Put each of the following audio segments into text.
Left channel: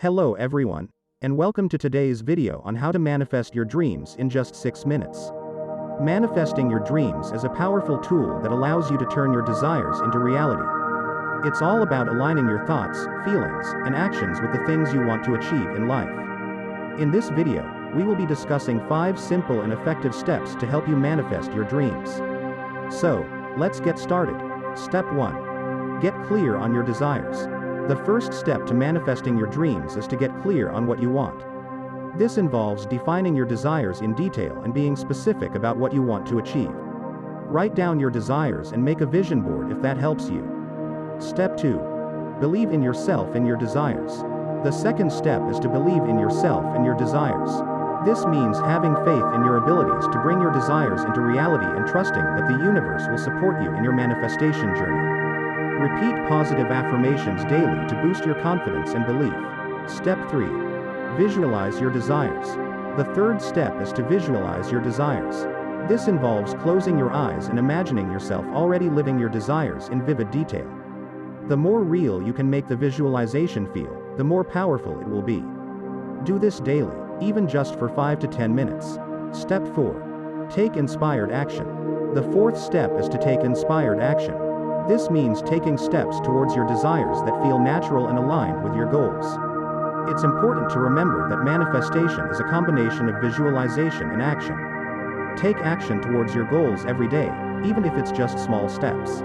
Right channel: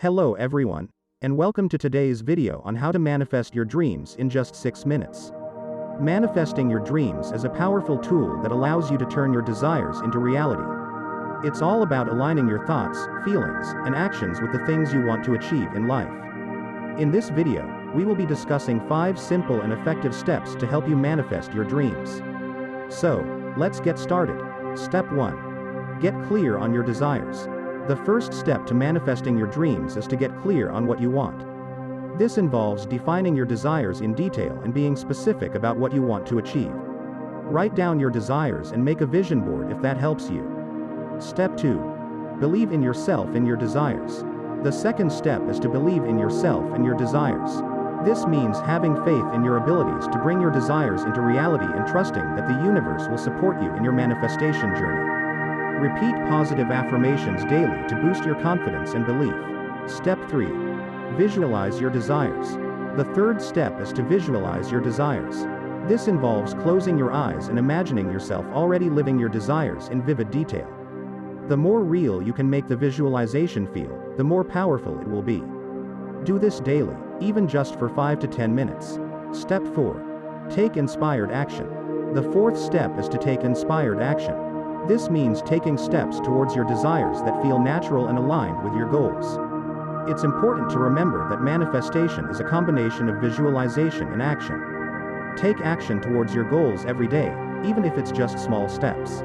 Hello everyone, and welcome to today's video on how to manifest your dreams in just 6 minutes. Manifesting your dreams is a powerful tool that allows you to turn your desires into reality. It's all about aligning your thoughts, feelings, and actions with the things you want to achieve in life. In this video, we will be discussing 5 simple and effective steps to help you manifest your dreams. So, let's get started. Step 1. Get clear on your desires. The first step to manifesting your dreams is to get clear on what you want. This involves defining your desires in detail and being specific about what you want to achieve. Write down your desires and make a vision board if that helps you. Step 2. Believe in yourself and your desires. The second step is to believe in yourself and your desires. This means having faith in your abilities to bring your desires into reality and trusting that the universe will support you in your manifestation journey. Repeat positive affirmations daily to boost your confidence and belief. Step 3. Visualize your desires. The third step is to visualize your desires. This involves closing your eyes and imagining yourself already living your desires in vivid detail. The more real you can make the visualization feel, the more powerful it will be. Do this daily, even just for 5 to 10 minutes. Step 4. Take inspired action. The fourth step is to take inspired action. This means taking steps towards your desires that feel natural and aligned with your goals. It's important to remember that manifestation is a combination of visualization and action. Take action towards your goals every day, even if it's just small steps.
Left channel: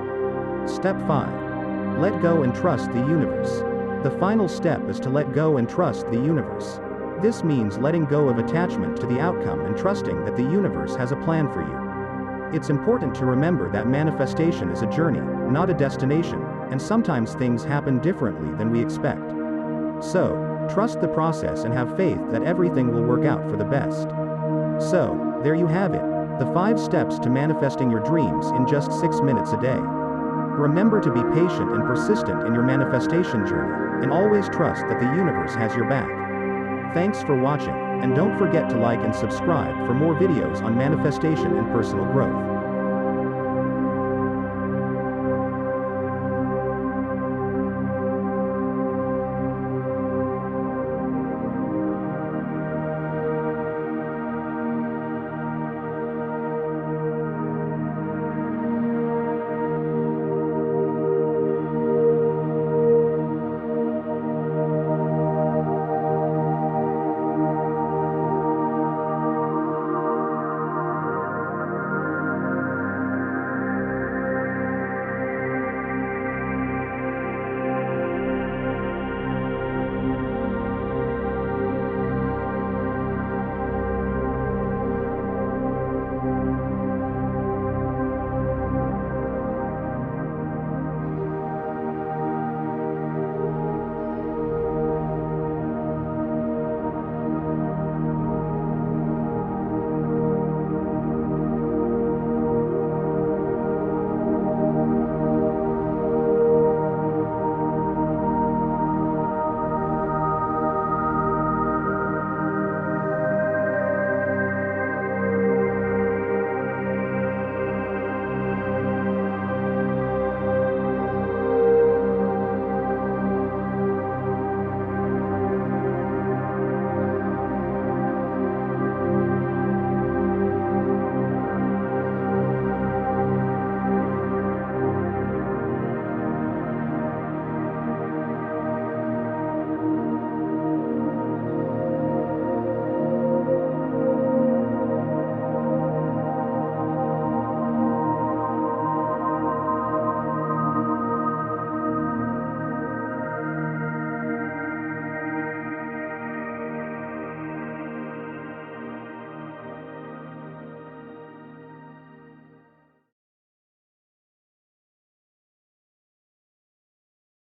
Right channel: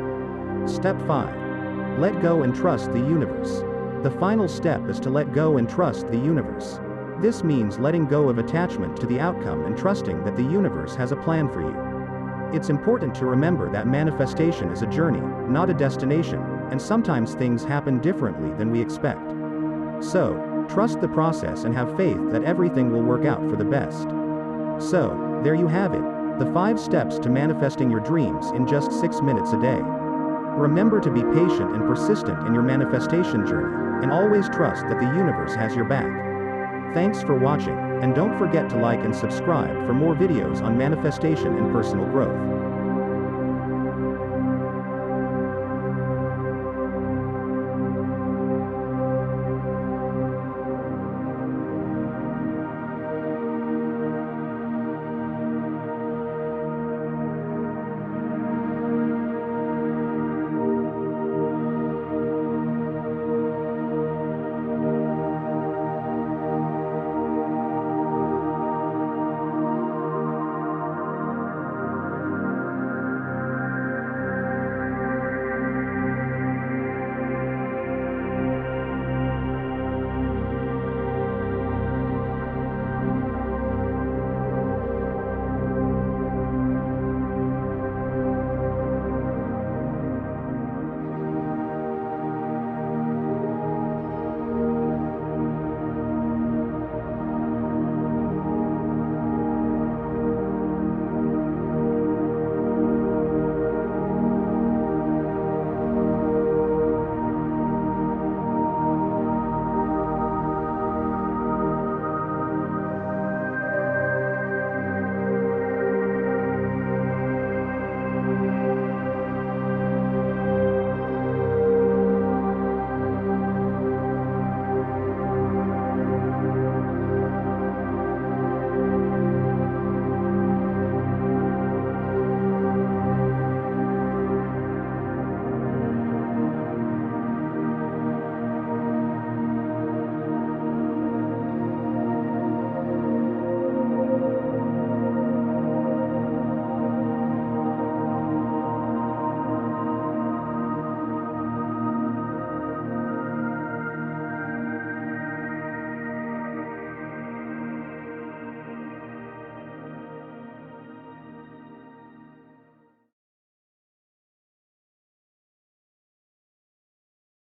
Step 5. Let go and trust the universe. The final step is to let go and trust the universe. This means letting go of attachment to the outcome and trusting that the universe has a plan for you. It's important to remember that manifestation is a journey, not a destination, and sometimes things happen differently than we expect. So, trust the process and have faith that everything will work out for the best. So, there you have it, the 5 steps to manifesting your dreams in just 6 minutes a day. Remember to be patient and persistent in your manifestation journey, and always trust that the universe has your back. Thanks for watching, and don't forget to like and subscribe for more videos on manifestation and personal growth.